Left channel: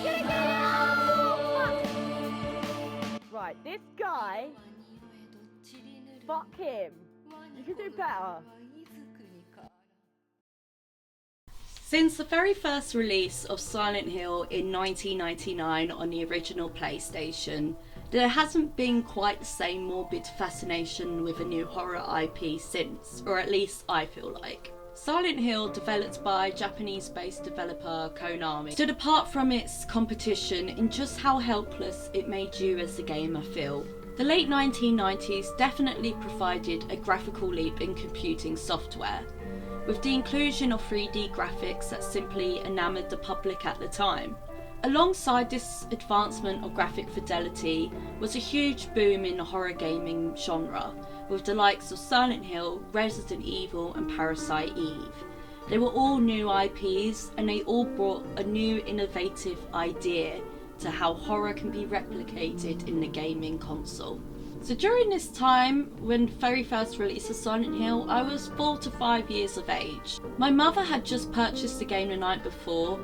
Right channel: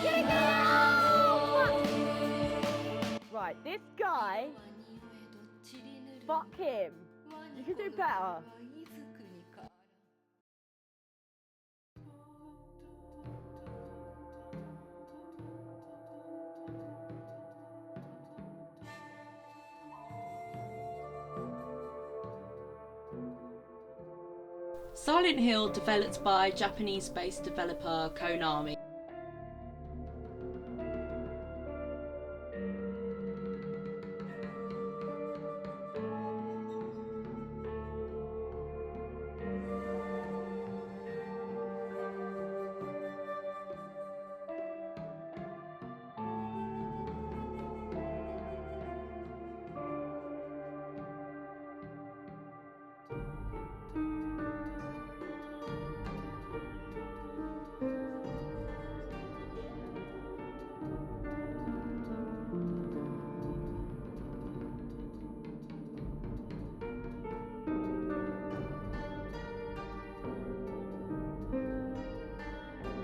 Get it! Oh, fuck. Right, this guy, fuck him. You can do better. Since the very first release of Silent Hill in 1999 on the original PlayStation, there hasn't been quite the same morbid fascination with a new horror IP since, or at least I feel like. Silent Hill, developed by Japanese-based developer Konami, stood apart from its competition in just how helpless it made you as a gamer feel. The late 1990s definitely provided a graphical leap in computing software, with the inclusion of 3D graphics that simply enamoured the public at the time. Alongside this advancement of graphic fidelity was a huge boom in the horror gaming genre, with the likes of Silent Hill, Resident Evil and Parasite Eve. They were all new IPs and they all brought a new innovative idea to how horror can be replicated in the gaming console. So during this time, when very first release of Silent Hill, I was 4 to 5 years of age. My mother had just purchased the game the night before,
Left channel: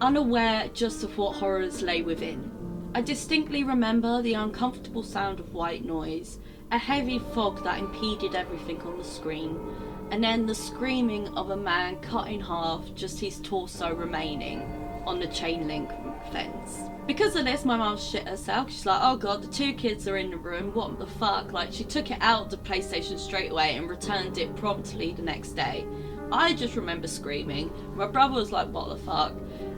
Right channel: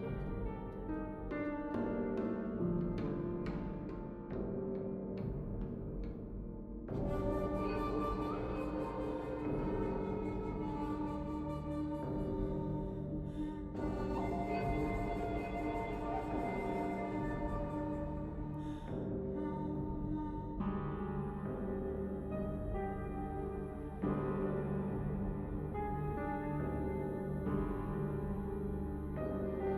unaware just of what horrors lay within. I distinctly remember the uncomfortable sound of white noise, a heavy fog that impeded everything on the screen, and then the screaming of a man cut in half, just his torso remaining on the chain link fence. Because of this, my mum shit herself. She's like, oh god, the two kids are in the room, what the fuck? Like, she took it out of the PlayStation straight away and returned it promptly the next day. I just remember screaming. My brother was like, what the fuck?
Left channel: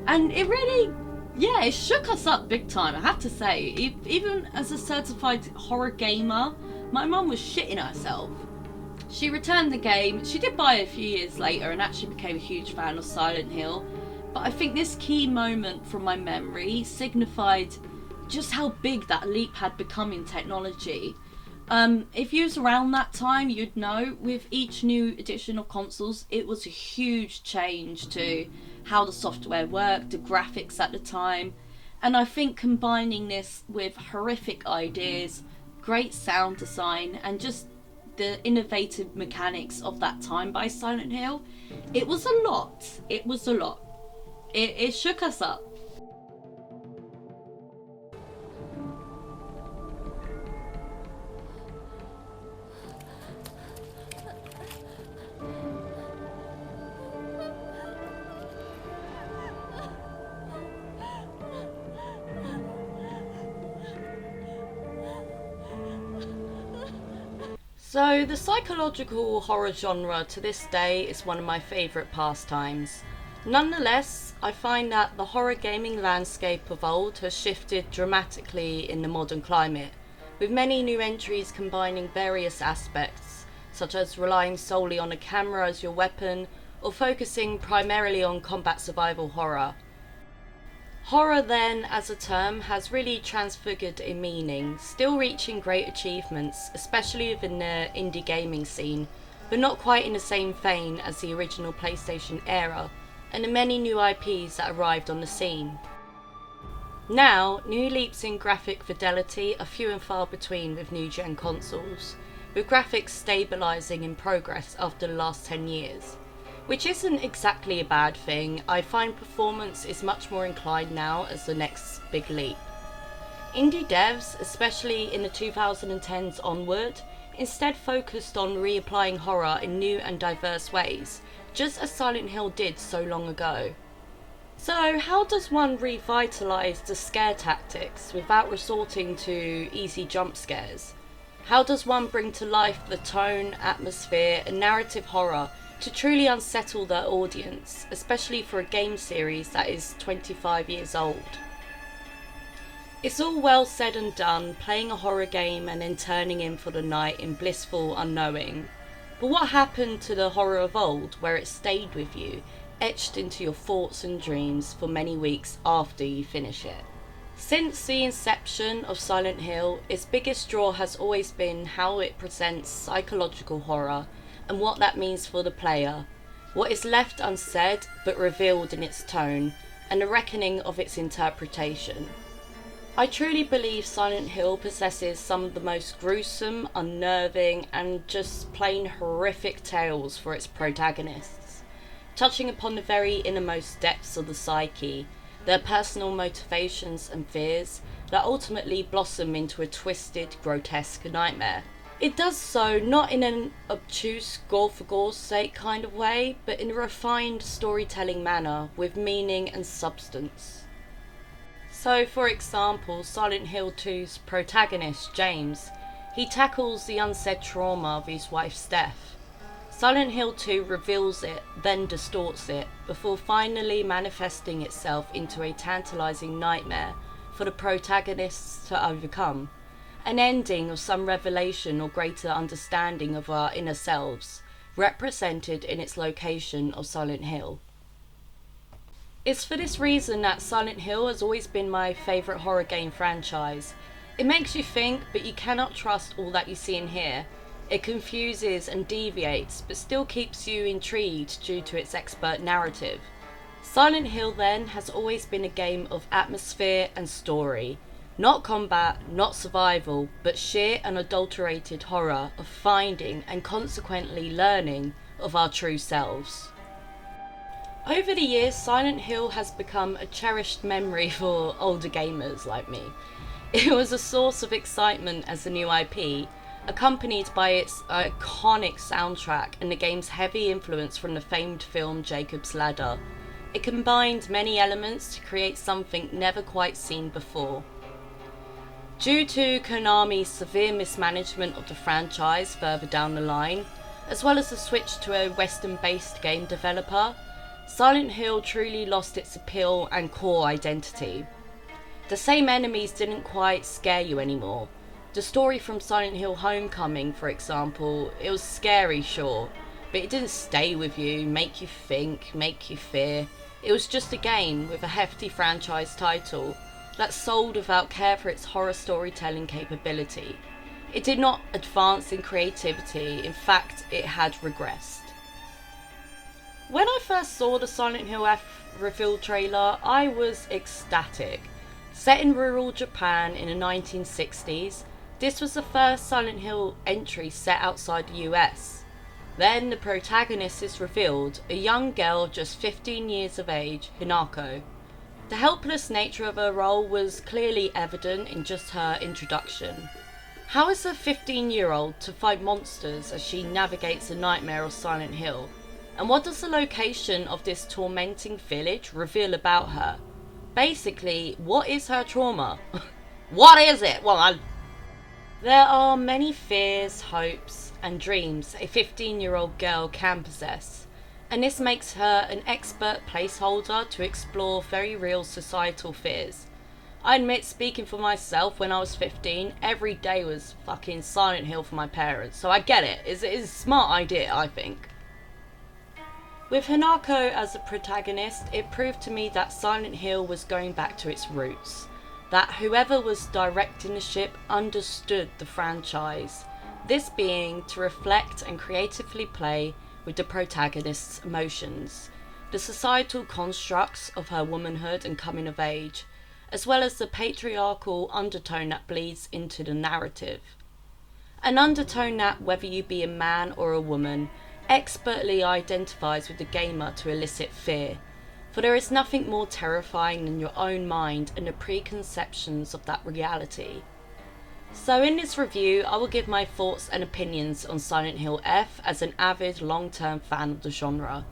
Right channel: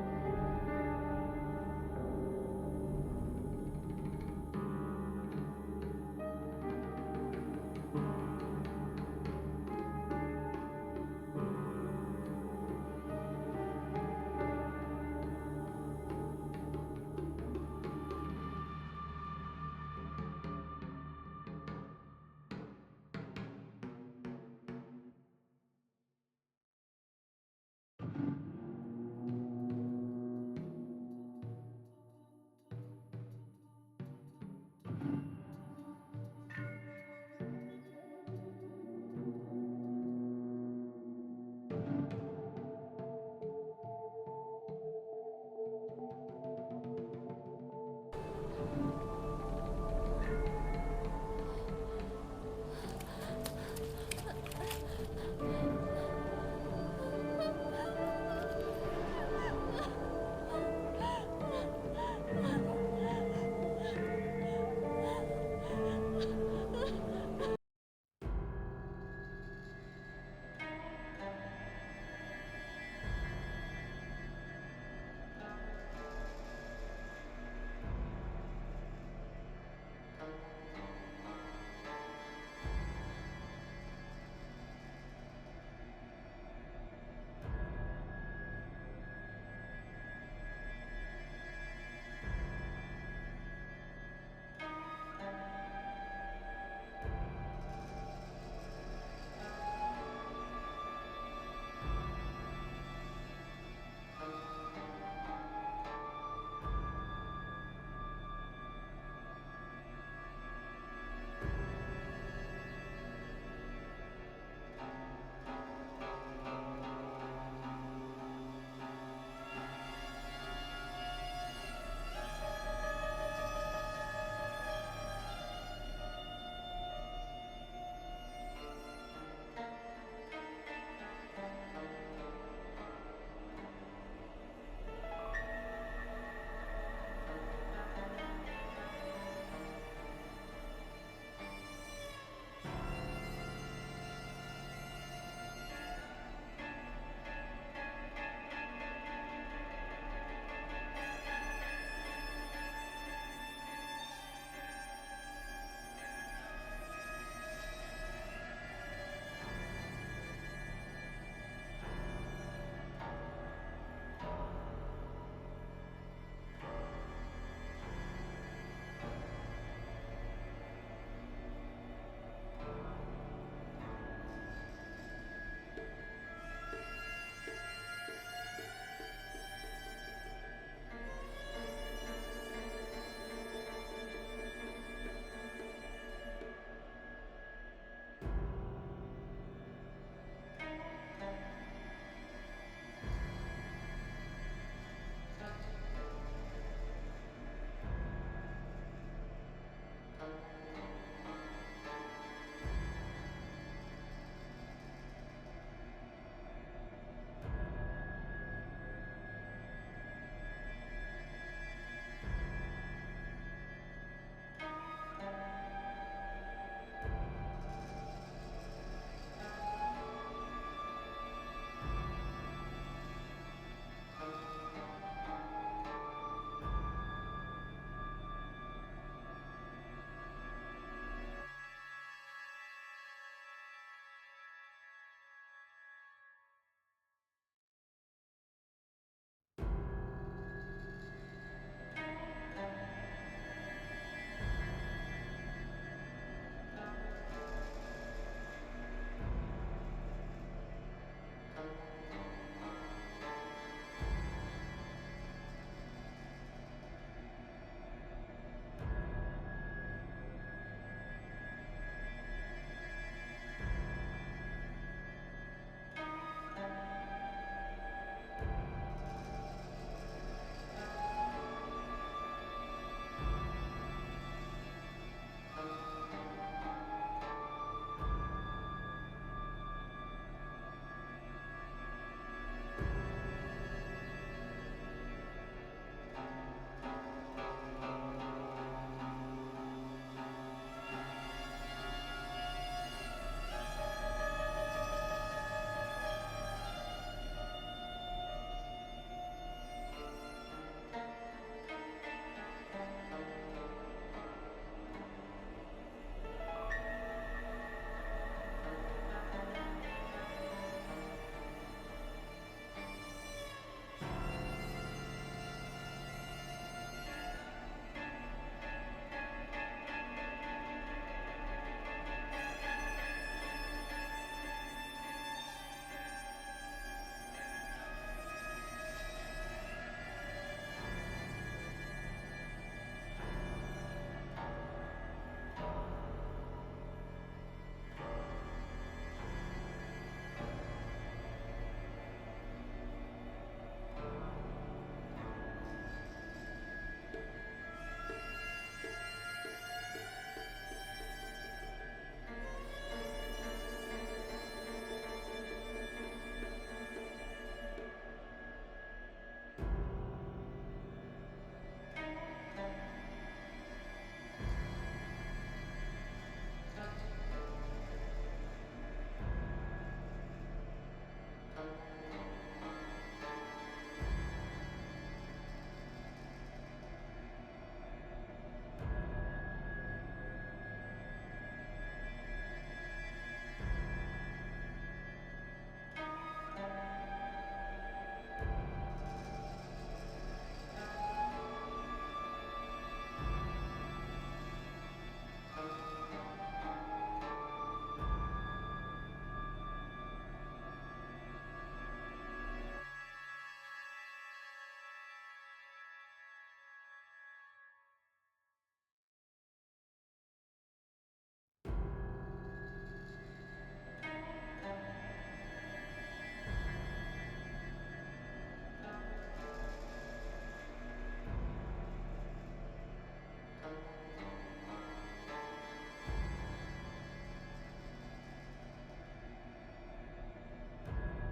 And it really, yeah, it shook us up big time, I have to say. Even as a certified horror gamer, my mum was shitting herself. She returned the game. She did buy it a few years later and actually became a huge fan of Silent Hill. But I think this key moment from my memory signified just how big that leap had become in technology. If you was around that time, you'd know with each new edition of consoles, it was a huge change to how the software worked, the graphics at the time. And I think combining this with horrific ideas, great sound design, and just the innovative mechanics of that time by Silent Hill, it was a lot. It was a lot. It shook us up. So the psychological horror genre to this day is one of my favourite pastimes. Nonetheless, I find that the horror gaming landscape of old has shifted dramatically in the modern climate, with many new entries combining various aspects, such as relying solely on a camera as your weapon, or focusing primarily on combat survival horror. Horror then, as a term, has really transfigured in meaning, still reaching great achievements, especially within the indie gaming scene, but not quite in the same vein as the original PlayStation era, and the many new IPs that arrived on the scene. Now, new leaps in graphic fidelity are few and far between with new-gen consoles, with graphics stabilising in progress after the last 10 years. Which isn't exactly a bad thing. I find performance is much more inclined now as the next big leap. Indie devs, especially in the 2010s onward, instead focused on reapplying horror in new and diverse ways, just as Silent Hill did so long ago. So how does one revitalise the scare tactics without resorting to easy jump scares? How does one bring to life the tone, atmosphere and narrative horror to truly unsettle their audience, especially for a game series that is 25 years old? It's all well said and done, playing a horror game and then turning in for the night in blissful unknowing. But what happened to the horror of old, where it stayed with you, etched into your thoughts and dreams for many weeks after you finish it? Since the inception of Silent Hill, its biggest draw has always been how it presents psychological horror and what that means for the player, what is left unsaid but revealed in its tone, and the reckoning of its interpretation. I truly believe Silent Hill possesses some of the most gruesome, unnerving, and just plain horrific tales for its protagonists, touching upon the very innermost depths of the psyche, their personal motivations and fears that ultimately blossom into a twisted, grotesque nightmare. It does so not in an obtuse, gore for gore's sake kind of way, but in a refined storytelling manner with meaning and substance. So, for example, Silent Hill 2's protagonist, James, he tackles the unsaid trauma of his wife's death. Silent Hill 2 reveals it, then distorts it, before finally manifesting itself into a tantalising nightmare for the protagonists to overcome. An ending of some revelation or greater understanding of our inner selves, represented in its location of Silent Hill. It's for this reason that Silent Hill has always been my favourite horror game franchise. It makes you think, but you cannot trust all that you see and hear. It confuses and deviates, but still keeps you intrigued due to its expert narrative. Silent Hill, then, has always been a game of atmosphere and story. Not combat, not survival, but sheer unadulterated horror of finding and consequently learning of our true selves. Over the years, Silent Hill has become a cherished memory for older gamers like me. It was a source of excitement as a new IP, accompanied by its iconic soundtrack and the game's heavy influence from the famed film Jacob's Ladder. It combined many elements to create something never quite seen before. Due to Konami's severe mismanagement of the franchise further down the line, as well as the switch to a Western-based game developer, Silent Hill truly lost its appeal and core identity. The same enemies didn't quite scare you anymore. The story from Silent Hill Homecoming, for example, it was scary, sure, but it didn't stay with you, make you think, make you fear. It was just a game with a hefty franchise title that sold without care for its horror storytelling capability. It did not advance in creativity, in fact, it had regressed. When I first saw the Silent Hill F reveal trailer, I was ecstatic. Set in rural Japan in the 1960s, this was the first Silent Hill entry set outside the US. Then the protagonist is revealed, a young girl just 15 years of age, Hinako. The helpless nature of her role was clearly evident in just her introduction. How is a 15-year-old to fight monsters as she navigates the nightmare of Silent Hill? And what does the location of this tormenting village reveal about her? Basically, what is her trauma? What is it? There are many fears, hopes, and dreams a 15-year-old girl can possess, and this makes her an expert placeholder to explore very real societal fears. I admit, speaking for myself, when I was 15, every day was fucking Silent Hill for my parents, so I get it. It's a smart idea, I think. With Hinako as a protagonist, it proved to me that Silent Hill was going back to its roots, that whoever was directing the ship understood the franchise, this being to reflect and creatively play with the protagonist's emotions, the societal constructs of her womanhood and coming of age, as well as the patriarchal undertone that bleeds into the narrative. An undertone that, whether you be a man or a woman, expertly identifies with the gamer to elicit fear, for there is nothing more terrifying than your own mind and the preconceptions of that reality. So in this review, I will give my thoughts and opinions on Silent Hill F as an avid long-term fan of the genre.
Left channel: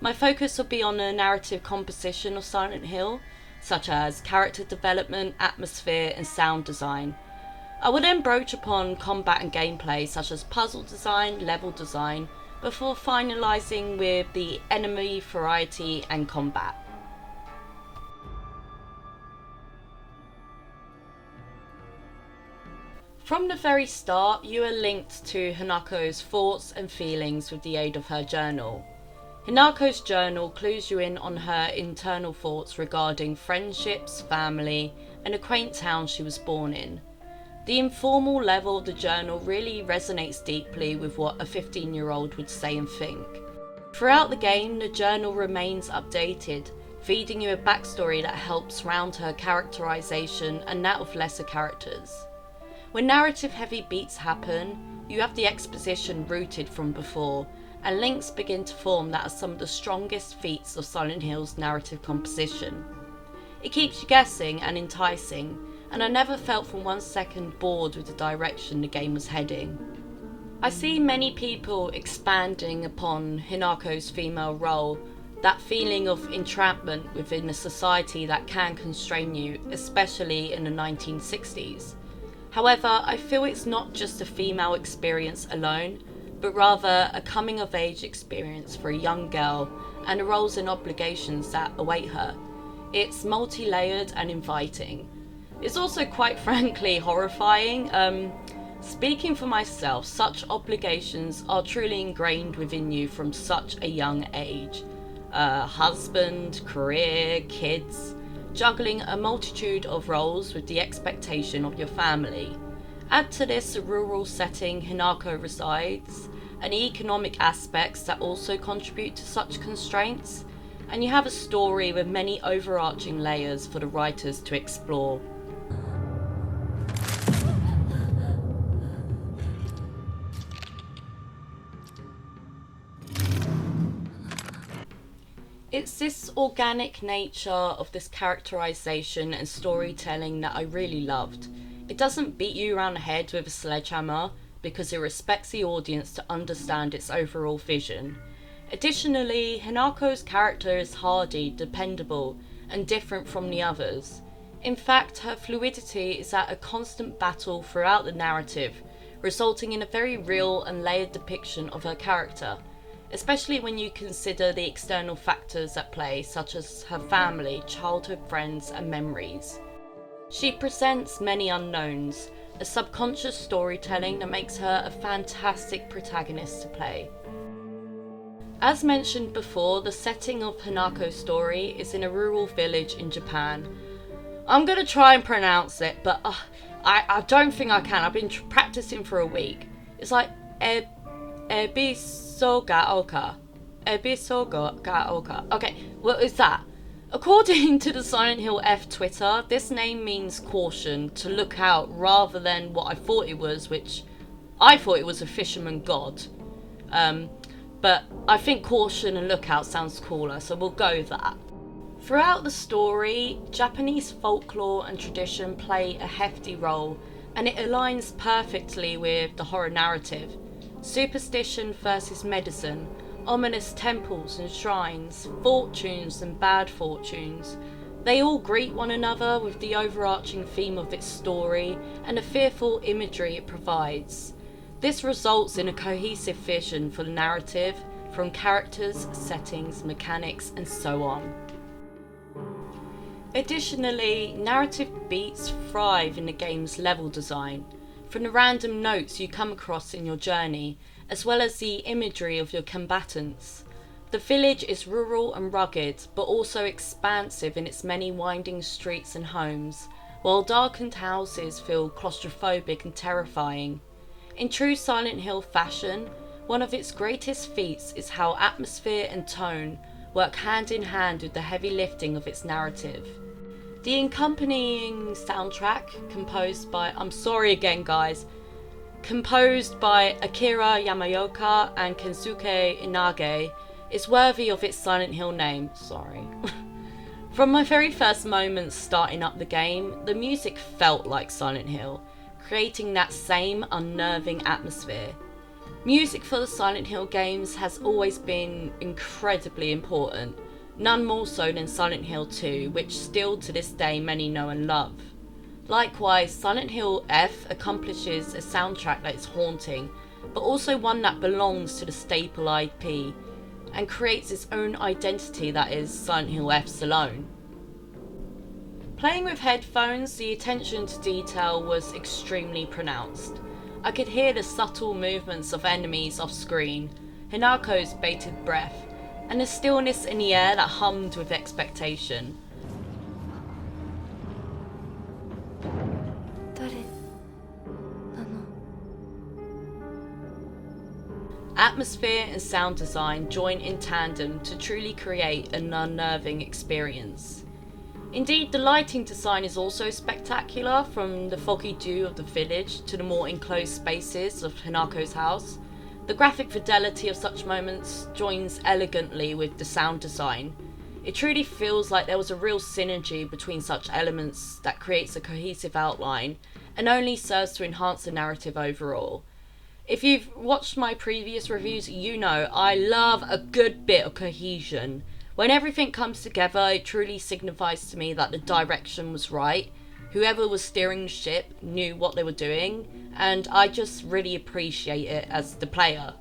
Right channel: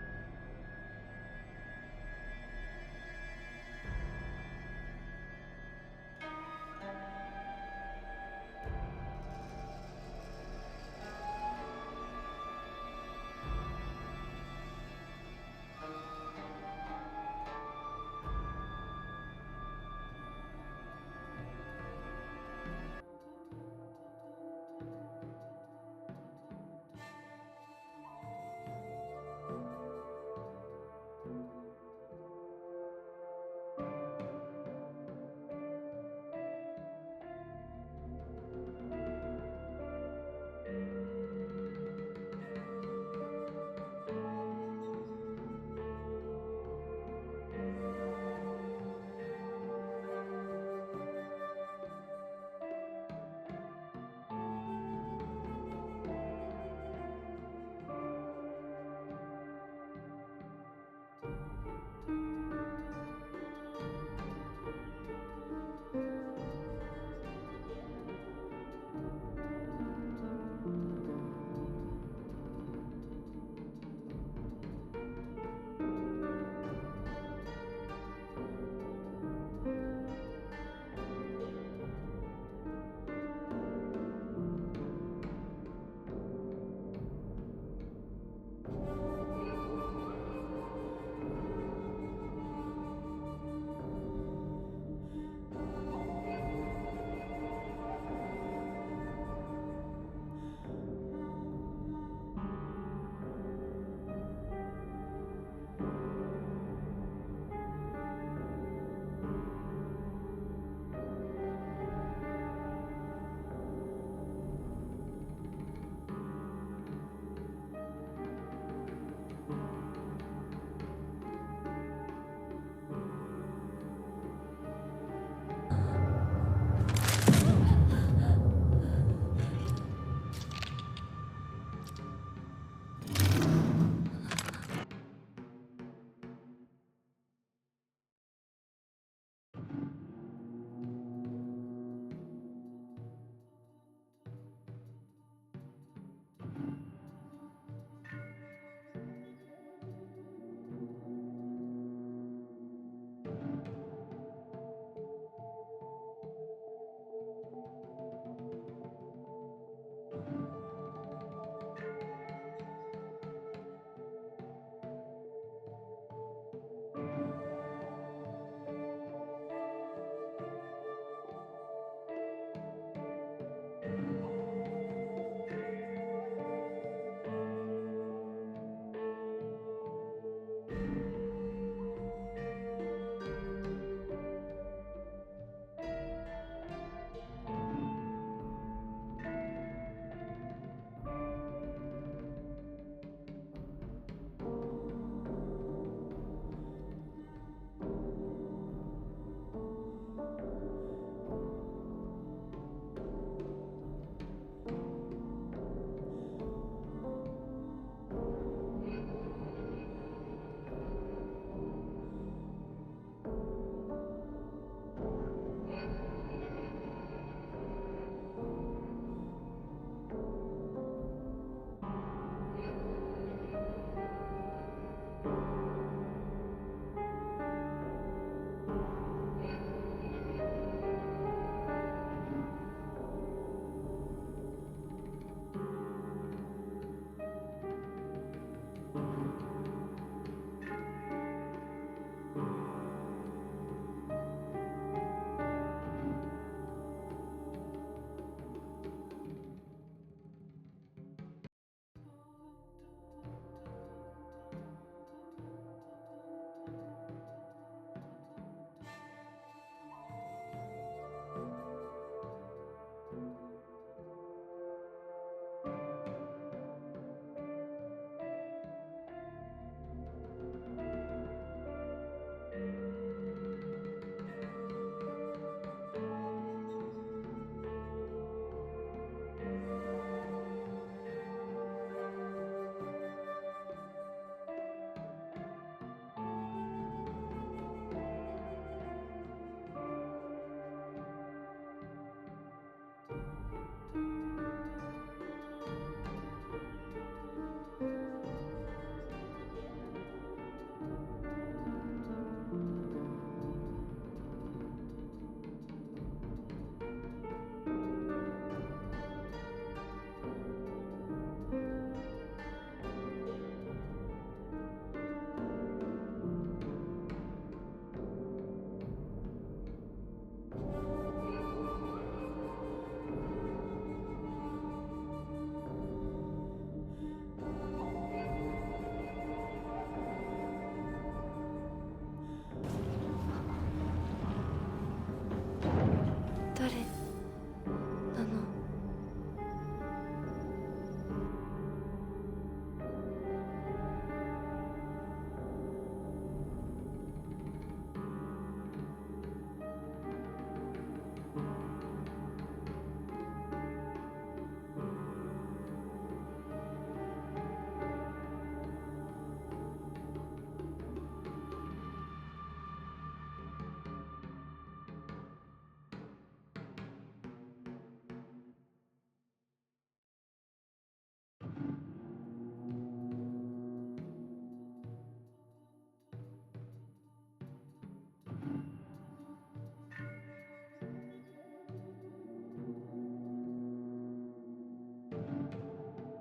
My focus will be on the narrative composition of Silent Hill, such as character development, atmosphere and sound design. I will then broach upon combat and gameplay such as puzzle design, level design, before finalising with the enemy variety and combat. From the very start, you are linked to Hanako's thoughts and feelings with the aid of her journal. Hanako's journal clues you in on her internal thoughts regarding friendships, family, and a quaint town she was born in. The informal level of the journal really resonates deeply with what a 15-year-old would say and think. Throughout the game, the journal remains updated, feeding you a backstory that helps round her characterization and that of lesser characters. When narrative-heavy beats happen, you have the exposition rooted from before, and links begin to form that are some of the strongest feats of Silent Hill's narrative composition. It keeps you guessing and enticing, and I never felt for 1 second bored with the direction the game was heading. I see many people expanding upon Hinako's female role, that feeling of entrapment within a society that can constrain you, especially in the 1960s. However, I feel it's not just a female experience alone, but rather a coming-of-age experience for a young girl and the roles and obligations that await her. It's multi-layered and inviting. It's also quite frankly horrifying. Speaking for myself, such obligations are truly ingrained within you from such a young age. Husband, career, kids, juggling a multitude of roles with the expectation of your family. Add to this the rural setting Hinako resides, and the economic aspects that also contribute to such constraints, and you have a story with many overarching layers for the writers to explore. It's this organic nature of this characterization and storytelling that I really loved. It doesn't beat you around the head with a sledgehammer because it respects the audience to understand its overall vision. Additionally, Hinako's character is hardy, dependable, and different from the others. In fact, her fluidity is at a constant battle throughout the narrative, resulting in a very real and layered depiction of her character, especially when you consider the external factors at play, such as her family, childhood friends, and memories. She presents many unknowns, a subconscious storytelling that makes her a fantastic protagonist to play. As mentioned before, the setting of Hanako's story is in a rural village in Japan. I'm gonna try and pronounce it, but I don't think I can. I've been practicing for a week. It's like Ebisogaoka. Ebisogaoka. Okay, what is that? According to the Silent Hill F Twitter, this name means caution, to look out, rather than what I thought it was, which I thought it was a fisherman god. But I think caution and lookout sounds cooler, so we'll go with that. Throughout the story, Japanese folklore and tradition play a hefty role, and it aligns perfectly with the horror narrative. Superstition versus medicine, ominous temples and shrines, fortunes and bad fortunes. They all greet one another with the overarching theme of its story and the fearful imagery it provides. This results in a cohesive vision for the narrative, from characters, settings, mechanics, and so on. Additionally, narrative beats thrive in the game's level design, from the random notes you come across in your journey, as well as the imagery of your combatants. The village is rural and rugged, but also expansive in its many winding streets and homes, while darkened houses feel claustrophobic and terrifying. In true Silent Hill fashion, one of its greatest feats is how atmosphere and tone work hand in hand with the heavy lifting of its narrative. The accompanying soundtrack, composed by Akira Yamaoka and Kensuke Inage, is worthy of its Silent Hill name. From my very first moments starting up the game, the music felt like Silent Hill, creating that same unnerving atmosphere. Music for the Silent Hill games has always been incredibly important, none more so than Silent Hill 2, which still to this day many know and love. Likewise, Silent Hill F accomplishes a soundtrack that is haunting, but also one that belongs to the staple IP, and creates its own identity that is Silent Hill F's alone. Playing with headphones, the attention to detail was extremely pronounced. I could hear the subtle movements of enemies off screen, Hinako's bated breath, and the stillness in the air that hummed with expectation. Atmosphere and sound design join in tandem to truly create an unnerving experience. Indeed, the lighting design is also spectacular, from the foggy dew of the village to the more enclosed spaces of Hinako's house. The graphic fidelity of such moments joins elegantly with the sound design. It truly feels like there was a real synergy between such elements that creates a cohesive outline and only serves to enhance the narrative overall. If you've watched my previous reviews, you know I love a good bit of cohesion. When everything comes together, it truly signifies to me that the direction was right. Whoever was steering the ship knew what they were doing, and I just really appreciate it as the player.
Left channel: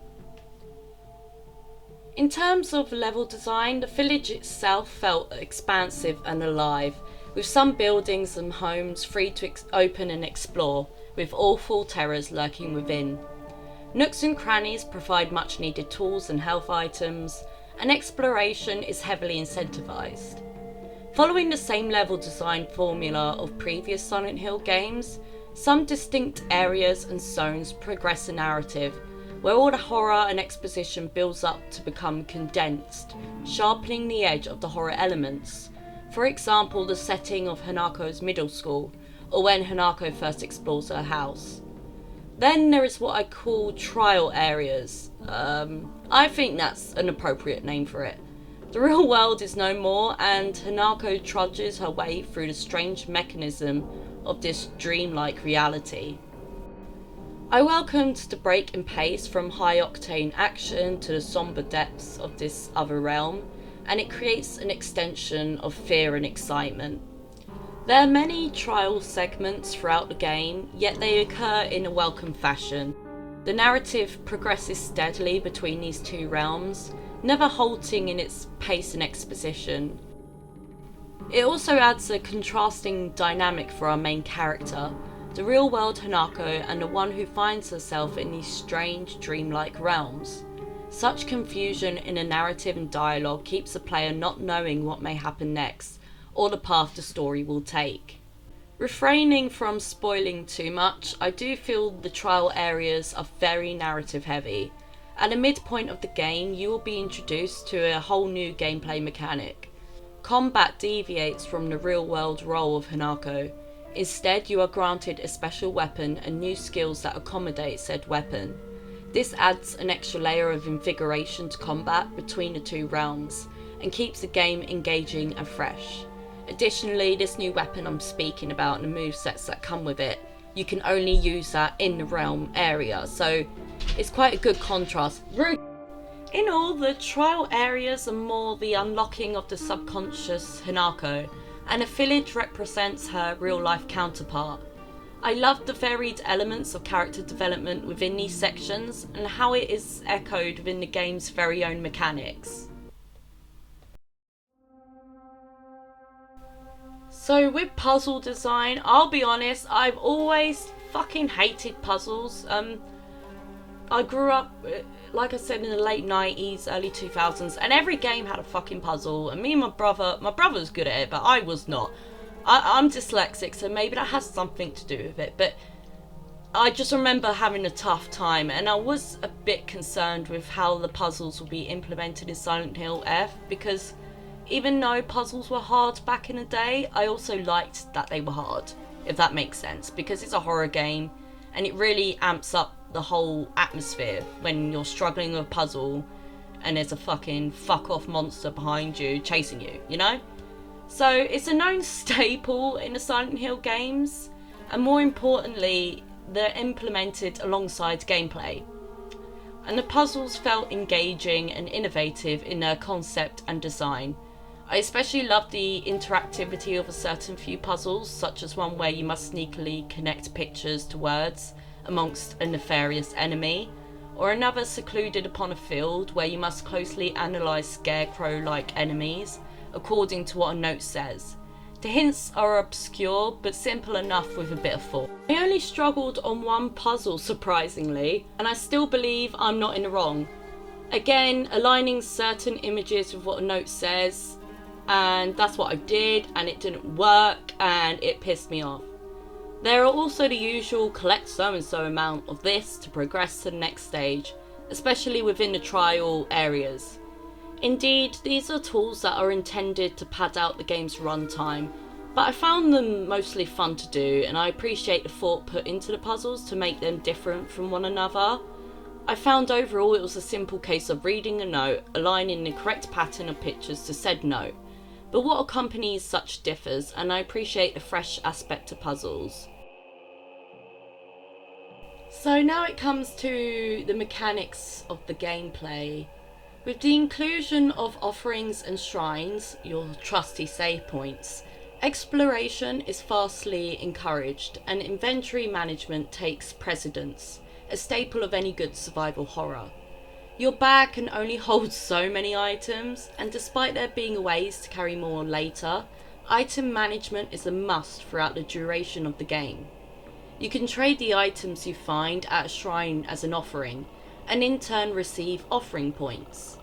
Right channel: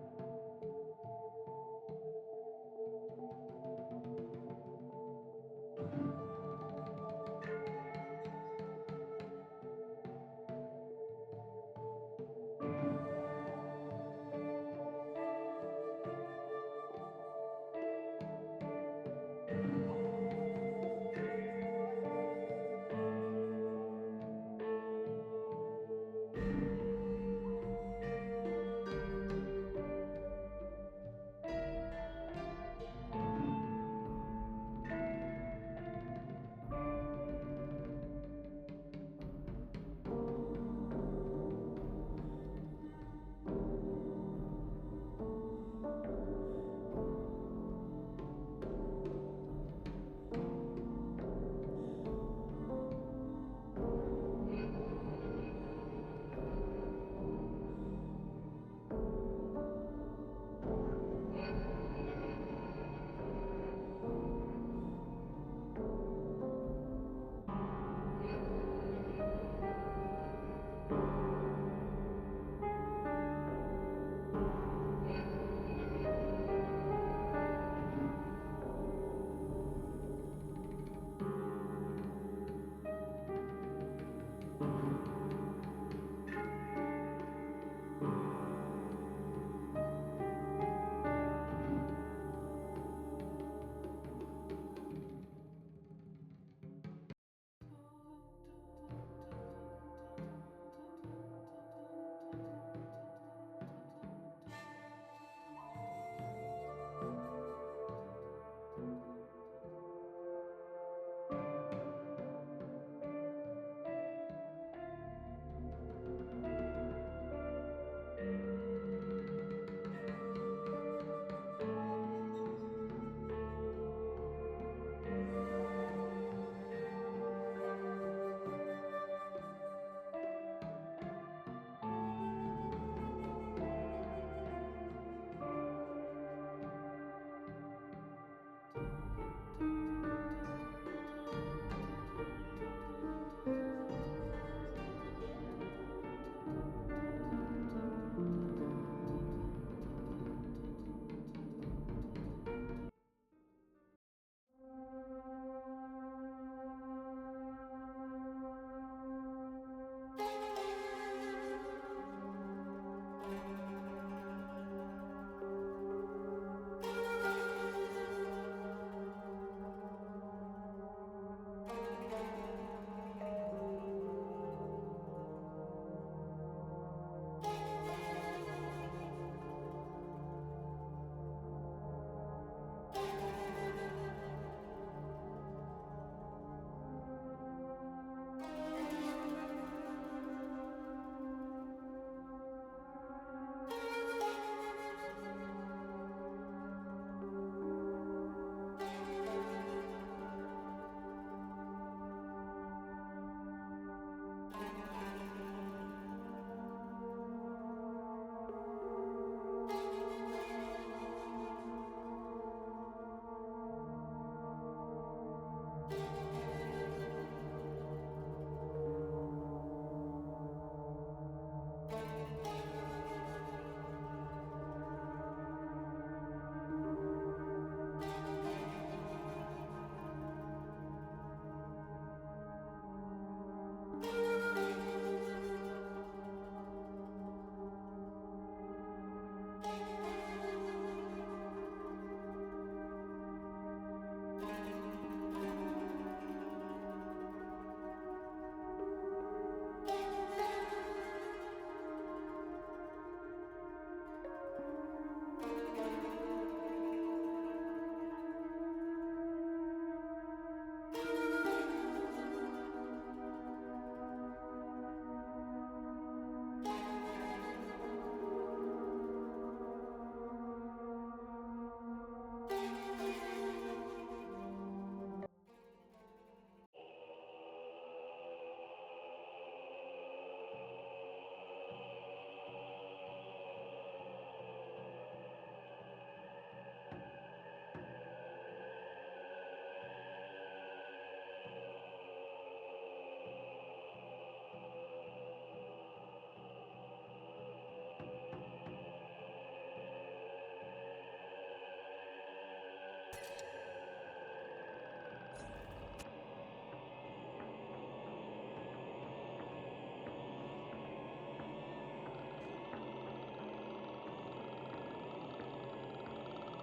In terms of level design, the village itself felt expansive and alive, with some buildings and homes free to open and explore, with awful terrors lurking within. Nooks and crannies provide much needed tools and health items, and exploration is heavily incentivized. Following the same level design formula of previous Silent Hill games, some distinct areas and zones progress the narrative, where all the horror and exposition builds up to become condensed, sharpening the edge of the horror elements. For example, the setting of Hanako's middle school, or when Hanako first explores her house. Then there is what I call trial areas. I think that's an appropriate name for it. The real world is no more, and Hanako trudges her way through the strange mechanism of this dreamlike reality. I welcomed the break in pace from high-octane action to the somber depths of this other realm, and it creates an extension of fear and excitement. There are many trial segments throughout the game, yet they occur in a welcome fashion. The narrative progresses steadily between these two realms, never halting in its pace and exposition. It also adds a contrasting dynamic for our main character, the real-world Hanako and the one who finds herself in these strange, dreamlike realms. Such confusion in a narrative and dialogue keeps the player not knowing what may happen next, or the path the story will take. Refraining from spoiling too much, I do feel the trial areas are very narrative heavy. At the midpoint of the game, you will be introduced to a whole new gameplay mechanic. Combat deviates from the real-world role of Hanako. Instead, you are granted a special weapon and new skills that accommodate said weapon. This adds an extra layer of invigoration to combat between the two realms, and keeps the game engaging and fresh. Additionally, this new weapon I'm speaking about and the movesets that come with it, you can only use that in the realm area, so it's quite a good contrast. In all, the trial areas are more the unlocking of the subconscious Hanako, and the village represents her real-life counterpart. I love the varied elements of character development within these sections, and how it is echoed within the game's very own mechanics. So with puzzle design, I'll be honest, I've always fucking hated puzzles. I grew up, like I said, in the late 90s, early 2000s, and every game had a fucking puzzle, and me and my brother's good at it, but I was not. I'm dyslexic, so maybe that has something to do with it, but I just remember having a tough time, and I was a bit concerned with how the puzzles will be implemented in Silent Hill F, because even though puzzles were hard back in the day, I also liked that they were hard, if that makes sense, because it's a horror game, and it really amps up the whole atmosphere when you're struggling with a puzzle and there's a fucking fuck off monster behind you chasing you, you know? So it's a known staple in the Silent Hill games, and more importantly, they're implemented alongside gameplay. And the puzzles felt engaging and innovative in their concept and design. I especially love the interactivity of a certain few puzzles, such as one where you must sneakily connect pictures to words amongst a nefarious enemy, or another secluded upon a field where you must closely analyse scarecrow-like enemies according to what a note says. The hints are obscure but simple enough with a bit of thought. I only struggled on one puzzle, surprisingly, and I still believe I'm not in the wrong. Again, aligning certain images with what a note says, and that's what I did, and it didn't work, and it pissed me off. There are also the usual collect so and so amount of this to progress to the next stage, especially within the trial areas. Indeed, these are tools that are intended to pad out the game's runtime, but I found them mostly fun to do, and I appreciate the thought put into the puzzles to make them different from one another. I found overall it was a simple case of reading a note, aligning the correct pattern of pictures to said note, But what accompanies such differs, and I appreciate the fresh aspect to puzzles. So now it comes to the mechanics of the gameplay. With the inclusion of offerings and shrines, your trusty save points, exploration is vastly encouraged and inventory management takes precedence, a staple of any good survival horror. Your bag can only hold so many items, and despite there being ways to carry more later, item management is a must throughout the duration of the game. You can trade the items you find at a shrine as an offering, and in turn receive offering points.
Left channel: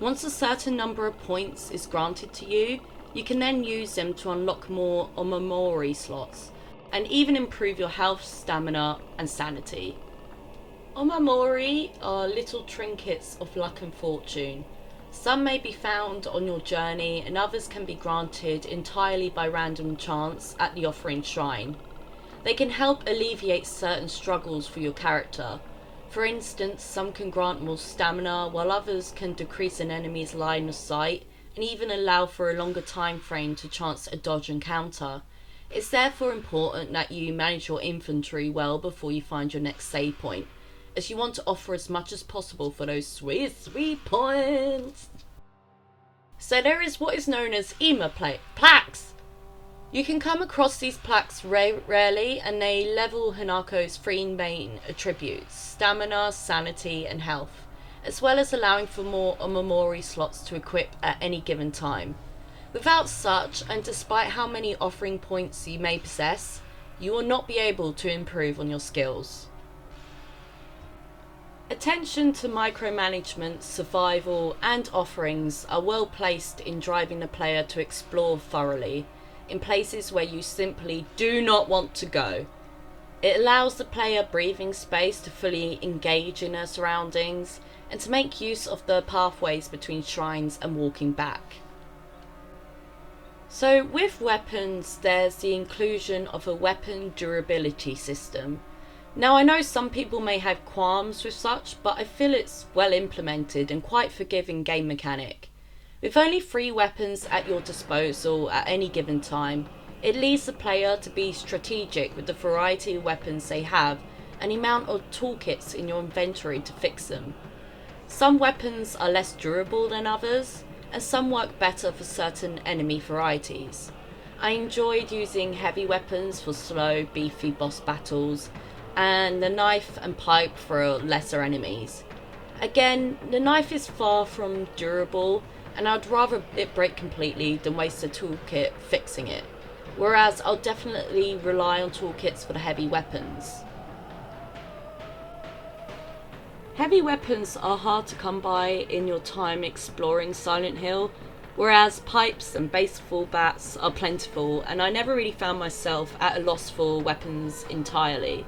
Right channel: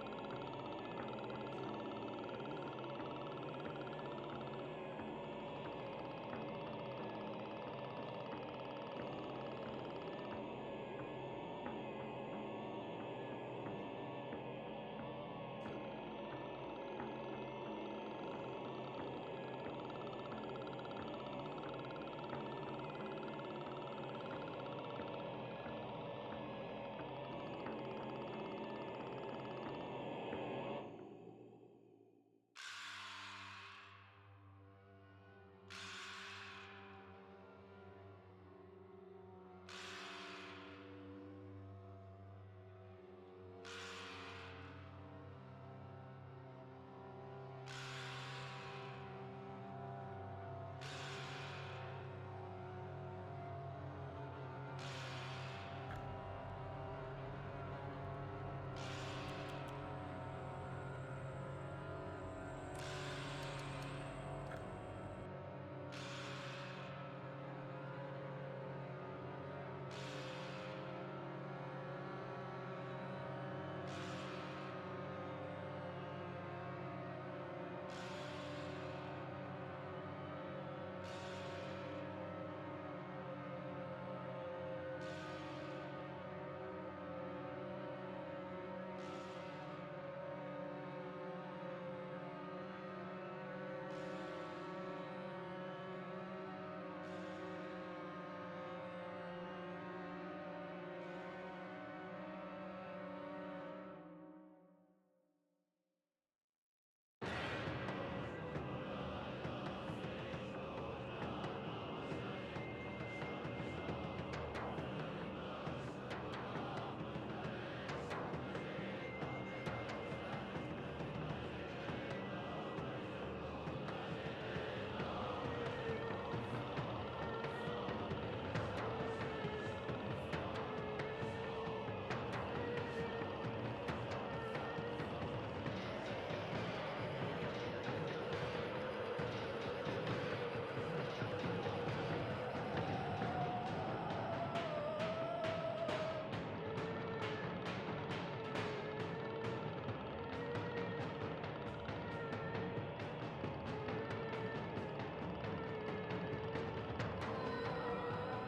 Once a certain number of points is granted to you, you can then use them to unlock more omamori slots, and even improve your health, stamina, and sanity. Omamori are little trinkets of luck and fortune. Some may be found on your journey, and others can be granted entirely by random chance at the offering shrine. They can help alleviate certain struggles for your character. For instance, some can grant more stamina, while others can decrease an enemy's line of sight, and even allow for a longer time frame to chance a dodge and counter. It's therefore important that you manage your inventory well before you find your next save point, as you want to offer as much as possible for those sweet, sweet points. So there is what is known as plaques. You can come across these plaques rarely, and they level Hanako's three main attributes: stamina, sanity, and health, as well as allowing for more omamori slots to equip at any given time. Without such, and despite how many offering points you may possess, you will not be able to improve on your skills. Attention to micromanagement, survival, and offerings are well placed in driving the player to explore thoroughly, in places where you simply do not want to go. It allows the player breathing space to fully engage in their surroundings and to make use of the pathways between shrines and walking back. So with weapons, there's the inclusion of a weapon durability system. Now I know some people may have qualms with such, but I feel it's well implemented and quite forgiving game mechanic. With only 3 weapons at your disposal at any given time, it leaves the player to be strategic with the variety of weapons they have and the amount of toolkits in your inventory to fix them. Some weapons are less durable than others, and some work better for certain enemy varieties. I enjoyed using heavy weapons for slow, beefy boss battles, and the knife and pipe for lesser enemies. Again, the knife is far from durable, and I'd rather it break completely than waste a toolkit fixing it, whereas I'll definitely rely on toolkits for the heavy weapons. Heavy weapons are hard to come by in your time exploring Silent Hill, whereas pipes and baseball bats are plentiful, and I never really found myself at a loss for weapons entirely.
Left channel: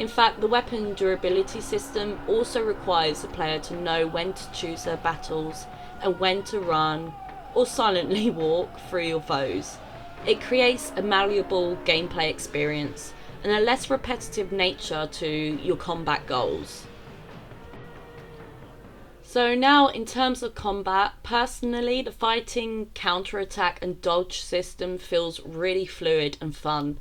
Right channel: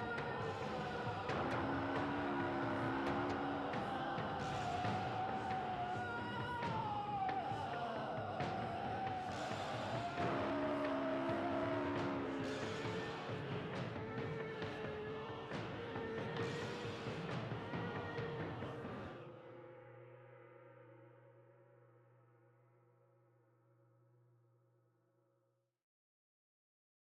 In fact, the weapon durability system also requires the player to know when to choose their battles and when to run or silently walk through your foes. It creates a malleable gameplay experience and a less repetitive nature to your combat goals. So now in terms of combat, personally the fighting, counterattack and dodge system feels really fluid and fun.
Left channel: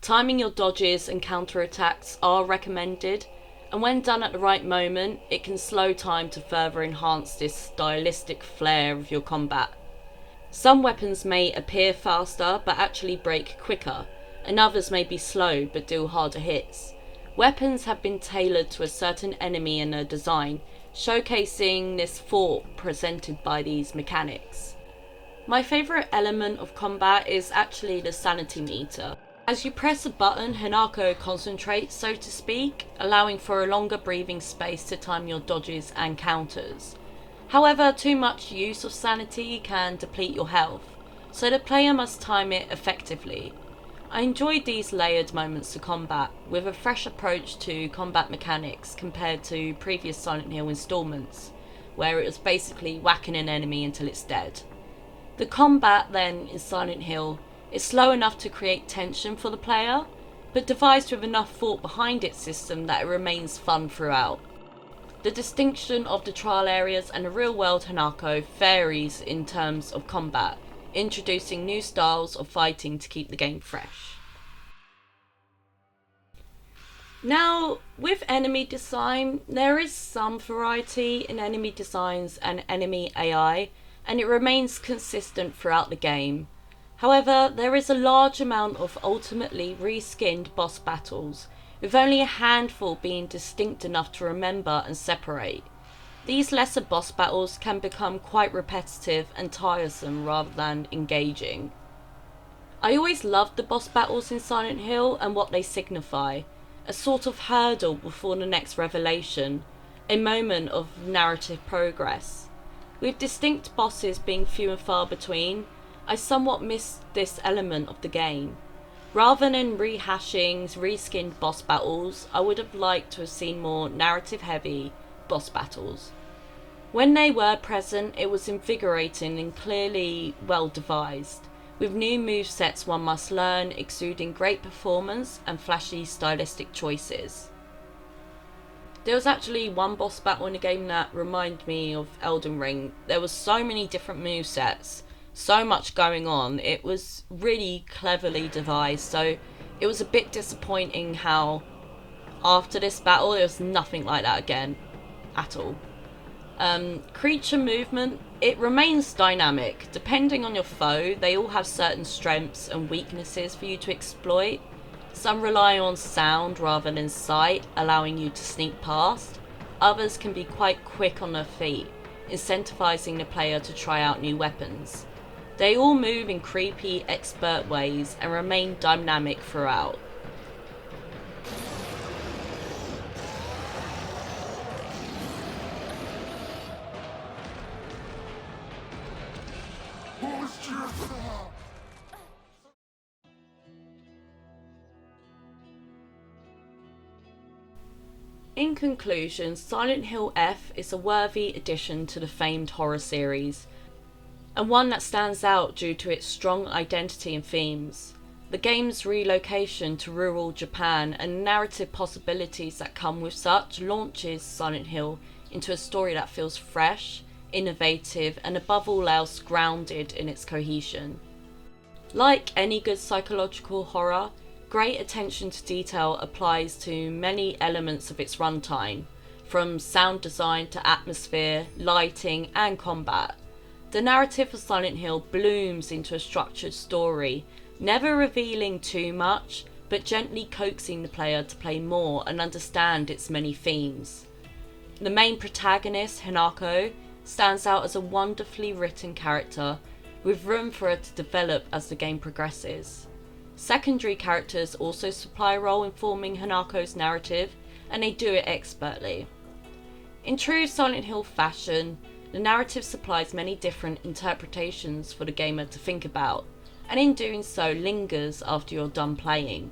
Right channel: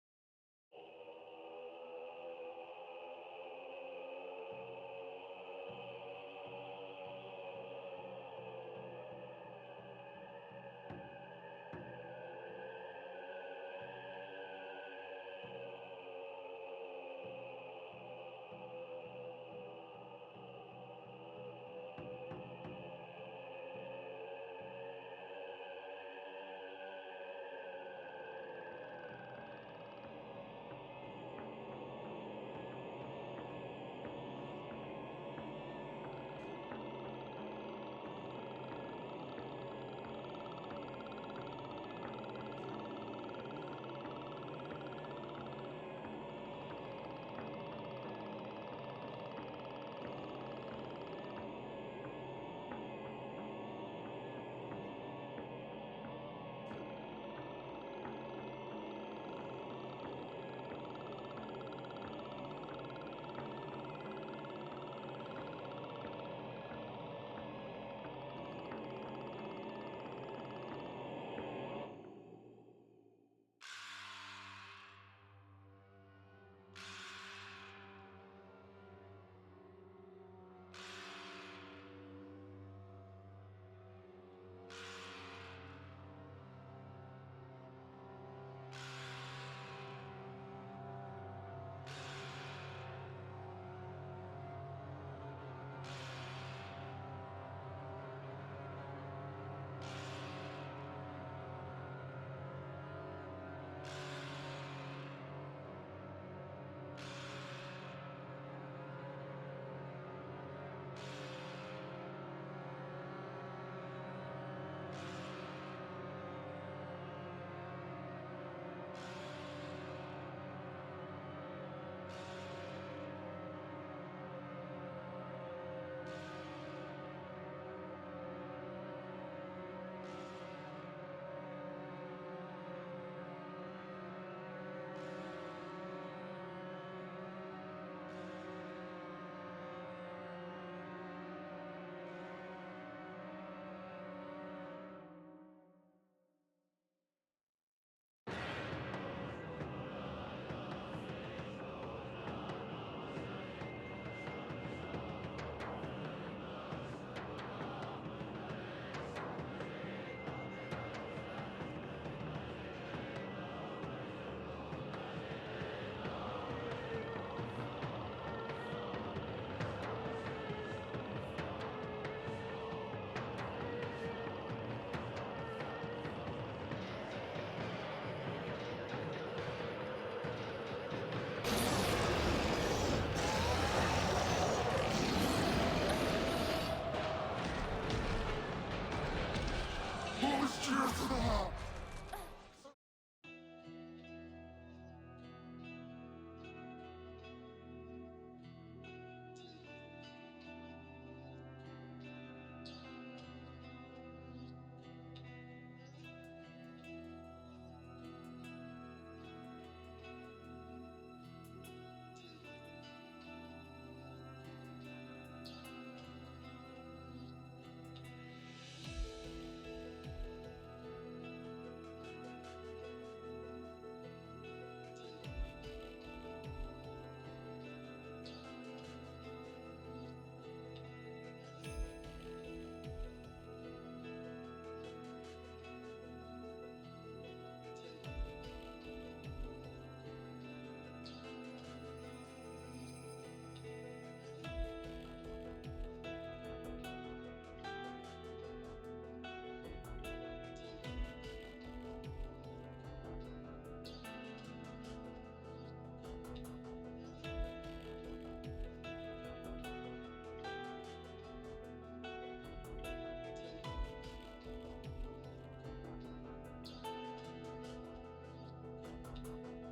Timing your dodges and counterattacks are recommended, and when done at the right moment, it can slow time to further enhance this stylistic flair of your combat. Some weapons may appear faster but actually break quicker, and others may be slow but deal harder hits. Weapons have been tailored to a certain enemy and their design, showcasing this thought presented by these mechanics. My favourite element of combat is actually the sanity meter. As you press a button, Hanako concentrates, so to speak, allowing for a longer breathing space to time your dodges and counters. However, too much use of sanity can deplete your health, so the player must time it effectively. I enjoyed these layered moments to combat, with a fresh approach to combat mechanics compared to previous Silent Hill installments, where it was basically whacking an enemy until it's dead. The combat then in Silent Hill is slow enough to create tension for the player, but devised with enough thought behind its system that it remains fun throughout. The distinction of the trial areas and the real world Hanako varies in terms of combat, introducing new styles of fighting to keep the game fresh. Now, with enemy design, there is some variety in enemy designs and enemy AI, and it remains consistent throughout the game. However, there is a large amount of ultimately reskinned boss battles, with only a handful being distinct enough to remember and separate. These lesser boss battles can become quite repetitive and tiresome rather than engaging. I always loved the boss battles in Silent Hill and what they signify. A sort of hurdle before the next revelation, a moment of narrative progress. With distinct bosses being few and far between, I somewhat missed this element of the game. Rather than rehashing reskinned boss battles, I would have liked to have seen more narrative heavy boss battles. When they were present, it was invigorating and clearly well devised, with new movesets one must learn, exuding great performance and flashy stylistic choices. There was actually one boss battle in the game that reminded me of Elden Ring. There was so many different movesets, so much going on. It was really cleverly devised, so it was a bit disappointing how after this battle there was nothing like that again at all. Creature movement, it remains dynamic. Depending on your foe, they all have certain strengths and weaknesses for you to exploit. Some rely on sound rather than sight, allowing you to sneak past. Others can be quite quick on their feet, incentivizing the player to try out new weapons. They all move in creepy, expert ways and remain dynamic throughout. In conclusion, Silent Hill F is a worthy addition to the famed horror series, and one that stands out due to its strong identity and themes. The game's relocation to rural Japan and narrative possibilities that come with such launches Silent Hill into a story that feels fresh, innovative, and above all else grounded in its cohesion. Like any good psychological horror, great attention to detail applies to many elements of its runtime, from sound design to atmosphere, lighting, and combat. The narrative of Silent Hill blooms into a structured story, never revealing too much, but gently coaxing the player to play more and understand its many themes. The main protagonist, Hanako, stands out as a wonderfully written character, with room for her to develop as the game progresses. Secondary characters also supply a role in forming Hanako's narrative, and they do it expertly. In true Silent Hill fashion, the narrative supplies many different interpretations for the gamer to think about, and in doing so lingers after you're done playing.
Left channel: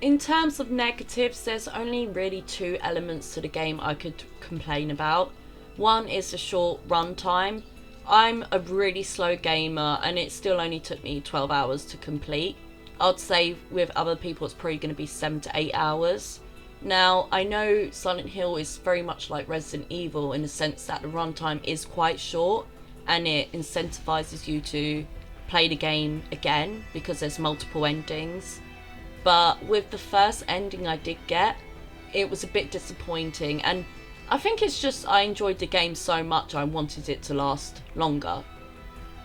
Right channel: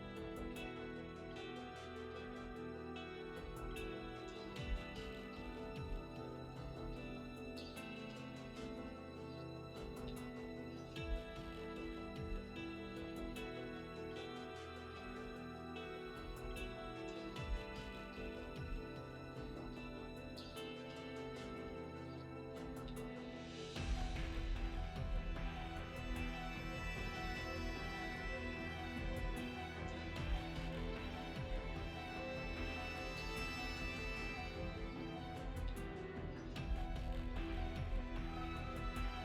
In terms of negatives, there's only really two elements to the game I could complain about. One is the short runtime. I'm a really slow gamer and it still only took me 12 hours to complete. I'd say with other people it's probably going to be 7 to 8 hours. Now, I know Silent Hill is very much like Resident Evil in the sense that the runtime is quite short and it incentivizes you to play the game again because there's multiple endings. But with the first ending I did get, it was a bit disappointing, and I think it's just I enjoyed the game so much I wanted it to last longer.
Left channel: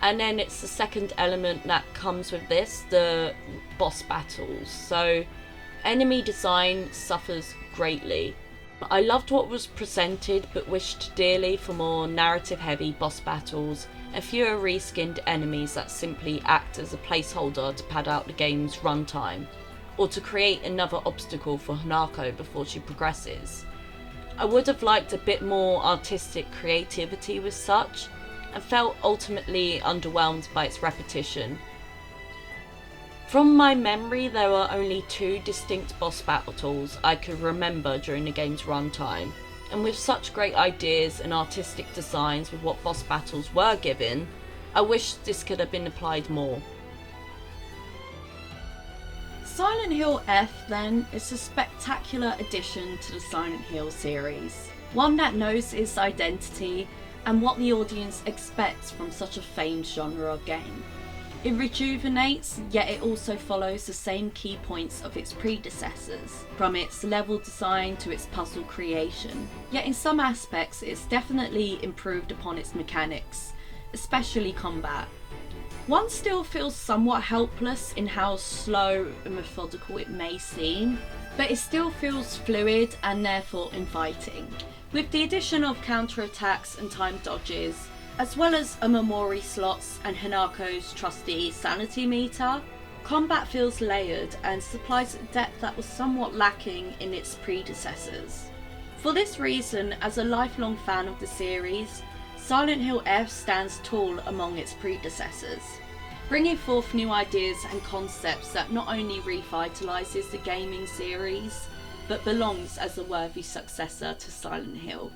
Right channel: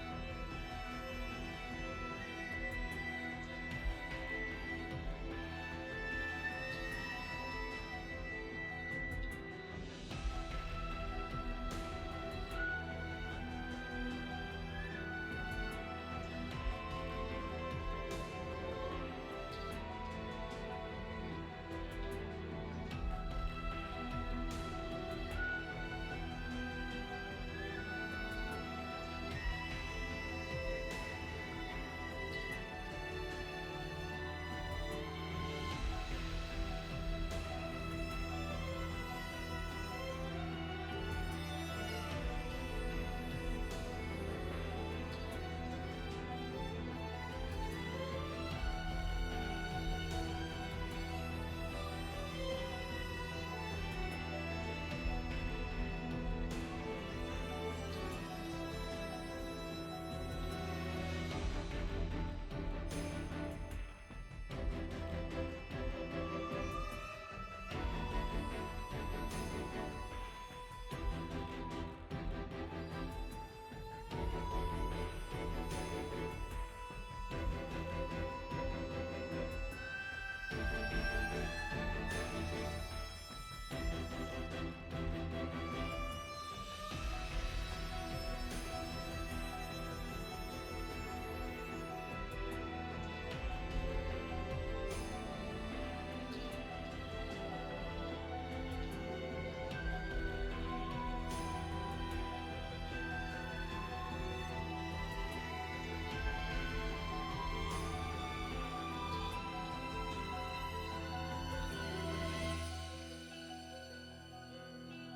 And then it's the second element that comes with this, the boss battles. So enemy design suffers greatly. I loved what was presented but wished dearly for more narrative heavy boss battles and fewer reskinned enemies that simply act as a placeholder to pad out the game's runtime, or to create another obstacle for Hanako before she progresses. I would have liked a bit more artistic creativity with such, and felt ultimately underwhelmed by its repetition. From my memory, there were only 2 distinct boss battles I could remember during the game's runtime, and with such great ideas and artistic designs with what boss battles were given, I wish this could have been applied more. Silent Hill F, then, is a spectacular addition to the Silent Hill series. One that knows its identity and what the audience expects from such a famed genre of game. It rejuvenates, yet it also follows the same key points of its predecessors, from its level design to its puzzle creation. Yet in some aspects it's definitely improved upon its mechanics, especially combat. One still feels somewhat helpless in how slow and methodical it may seem, but it still feels fluid and therefore inviting. With the addition of counterattacks and time dodges, as well as Amamori slots and Hanako's trusty sanity meter, combat feels layered and supplies a depth that was somewhat lacking in its predecessors. For this reason, as a lifelong fan of the series, Silent Hill F stands tall among its predecessors, bringing forth new ideas and concepts that not only revitalises the gaming series, but belongs as a worthy successor to Silent Hill.